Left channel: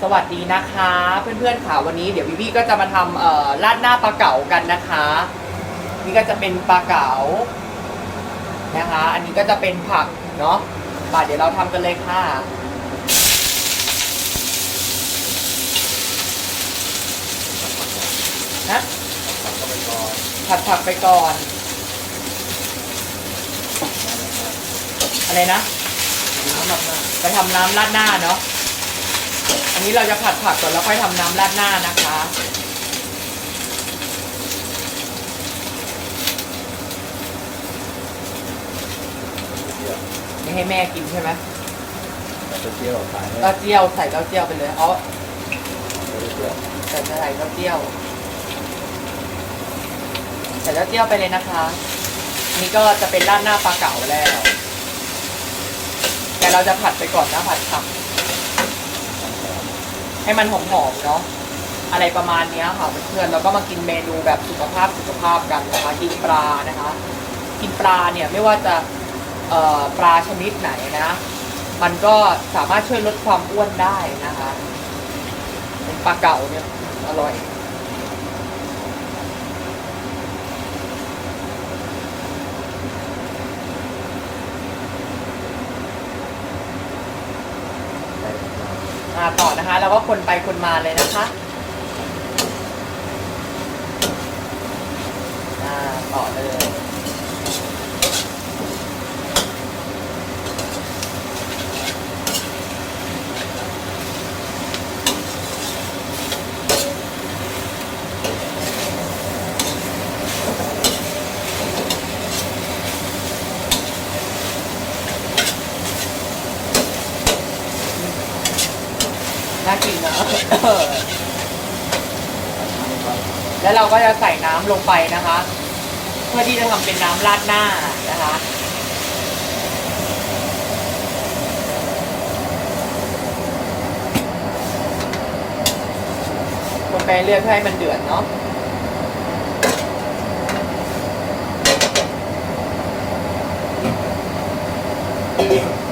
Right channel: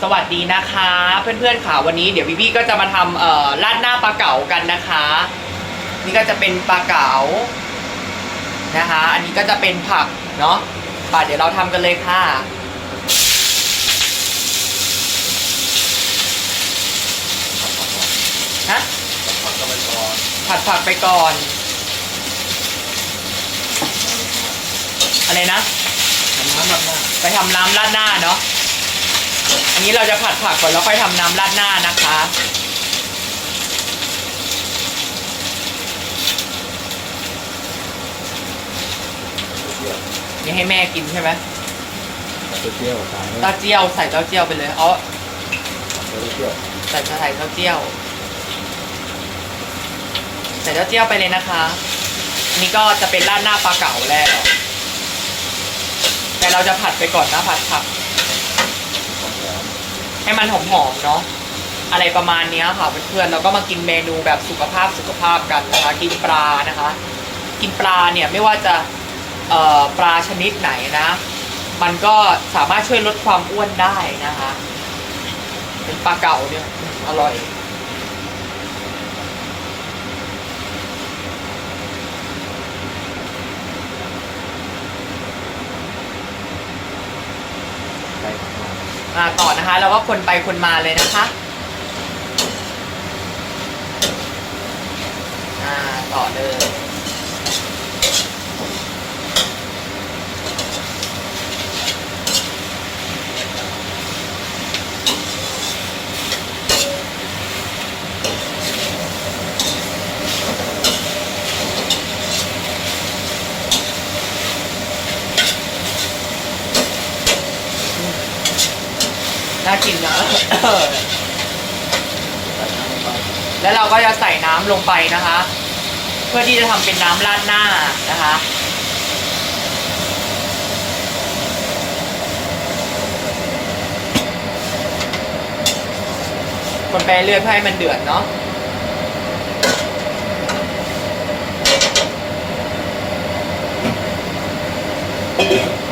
สวัสดีนะคะ เพื่อนๆค่ะวันนี้เดี๋ยวพี่พี่ก็จะมาทำเอ่อราดหน้าปลาเก๋ากันนะคะ นี่ก็จะเป็นปลาเก๋านะคะ อันนี้ก็จะเป็นผักเนาะป่าเดี๋ยวเราทำกันเลยค่ะฮะผัดก็ไม่พอผัดผักไปก่อน อะไรนะน้ำแบบหน้าไปทำน้ำราดหน้าเนาะ อันนี้เราจะผัดผักก่อนแล้วค่อยทำน้ำราดหน้านะคะนี่ให้แม่กินใช่ไหมเปรี้ยวขายให้เต้าเจี้ยวใส่เต้าเจี้ยวไปเลยเอาเปรี้ยวใส่ใส่เต้าเจี้ยว ใส่เต้าเจี้ยวไปเลยนะคะอันนี้ก็จะเป็นราดหน้าปลาเก๋าแล้วแต่เราจะผัดไปก่อนนะผัดผัก ให้มันหอมๆเนาะอะไรประมาณนี้ค่ะเพื่อนๆเราก็มากินเมนูแบบสุขภาพสุขภาพกันนะคะ กินปลานะคะ กินปลาเนี่ยไม่ว่าจะปลาชนิดไหนนะ มันก็สามารถช่วยลดความอ้วนได้นะคะ เป็นปลาเก๋าเนี่ยอร่อยใส่ อ่าต่อนะคะเราก็คนไปคนมาเลยนะคะอ่าต่อเลย น่ากินนะ แล้วเราก็จะใส่น้ำลงไปนะคะ เพื่อที่จะทำเป็นน้ำราดหน้านะคะคนไปเรื่อยเพื่อให้มันเดือดเนาะอ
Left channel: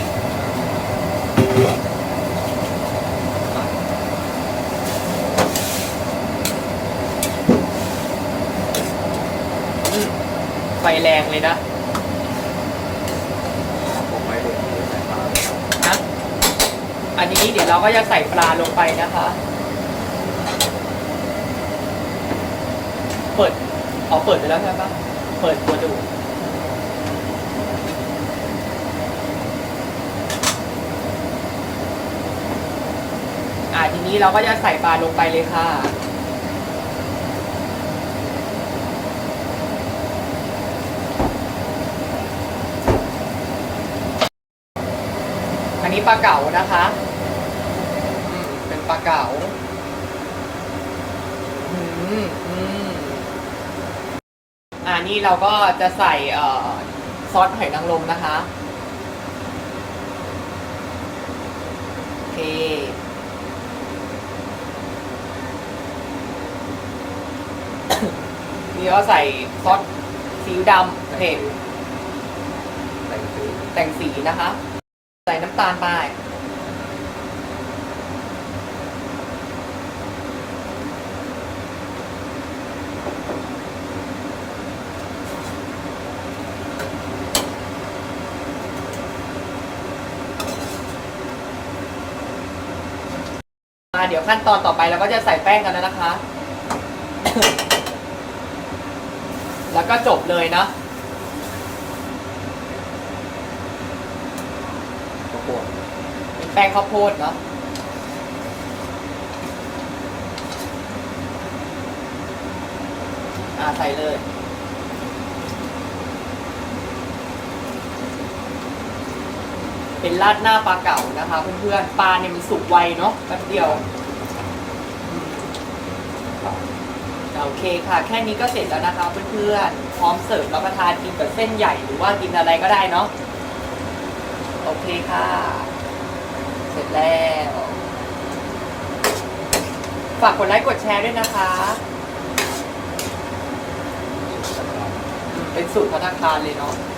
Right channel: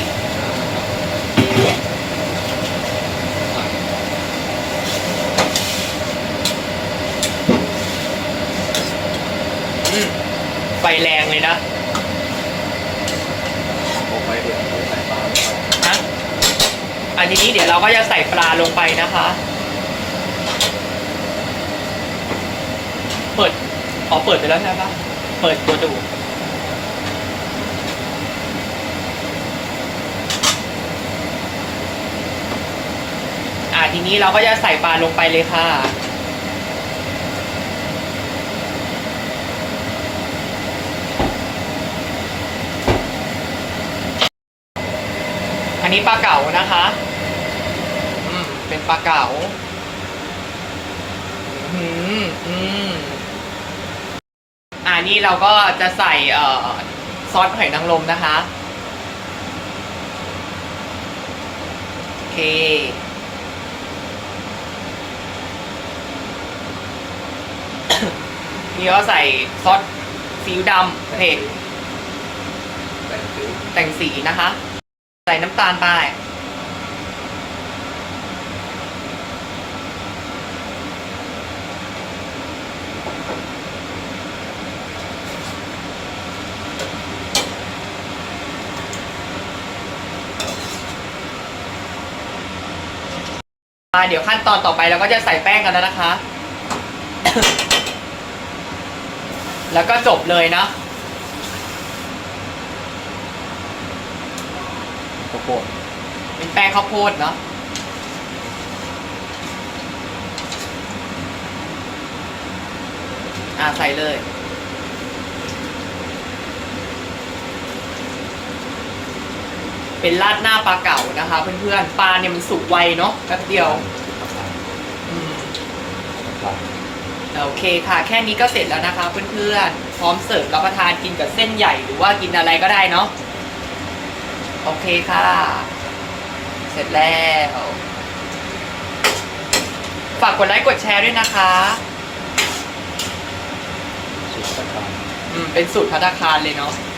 กอืมไฟแรงเลยนะผมไว้เดี๋ยใส่ปลานะอันนี้เดี๋ยวเราก็จะใส่ปลาลงไปนะคะ เปิดอ๋อเปิดไปแล้วใช่ปะเปิดตัวดู ทีนี้เราก็จะใส่ปลาลงไปเลยค่ะ อันนี้ปลาเก๋านะคะอืมเป็นปลาเก๋าอืมอืมอ่านี่เราก็จะใส่เอ่อซอสหอยนางรมนะคะ โอเค นี่ก็ใส่ซอสซีอิ๊วดำเผ็ดใส่ซื้อแต่งสีนะคะ ใส่น้ำตาลไปเดี๋ยวขั้นตอนต่อไปเราก็จะใส่แป้งกันแล้วนะคะ แล้วก็จบเลยเนาะข้าวโพดเป็นแป้งข้าวโพดเนาะอ่าใส่เลยเป็นราดหน้าปลาเก๋านะคะ เพื่อนๆ ปลาเนี่ยมันสุกไวเนาะแป๊บเดียวอืมครับ โอเคค่ะ แค่นี้ก็เสร็จแล้วนะคะเพื่อนๆ พร้อมเสิร์ฟรับประทานกินกับเส้นใหญ่หรือว่ากินอะไรก็ได้เนาะ โอเคค่ะ เสร็จแล้ว ฝากกดไลค์กดแชร์ด้วยนะคะสุดสัปดาห์อืมเป็นสูตรพัฒนาคารเลยเนาะค